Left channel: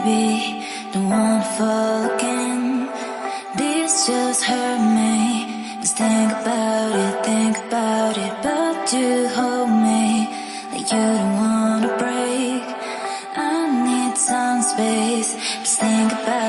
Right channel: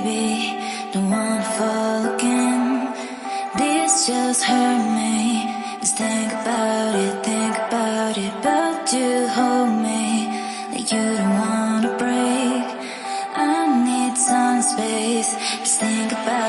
baby, don't wanna fall again. This just hurt me. Just think about it, but you hold me like you don't wanna break. I need some space, just think about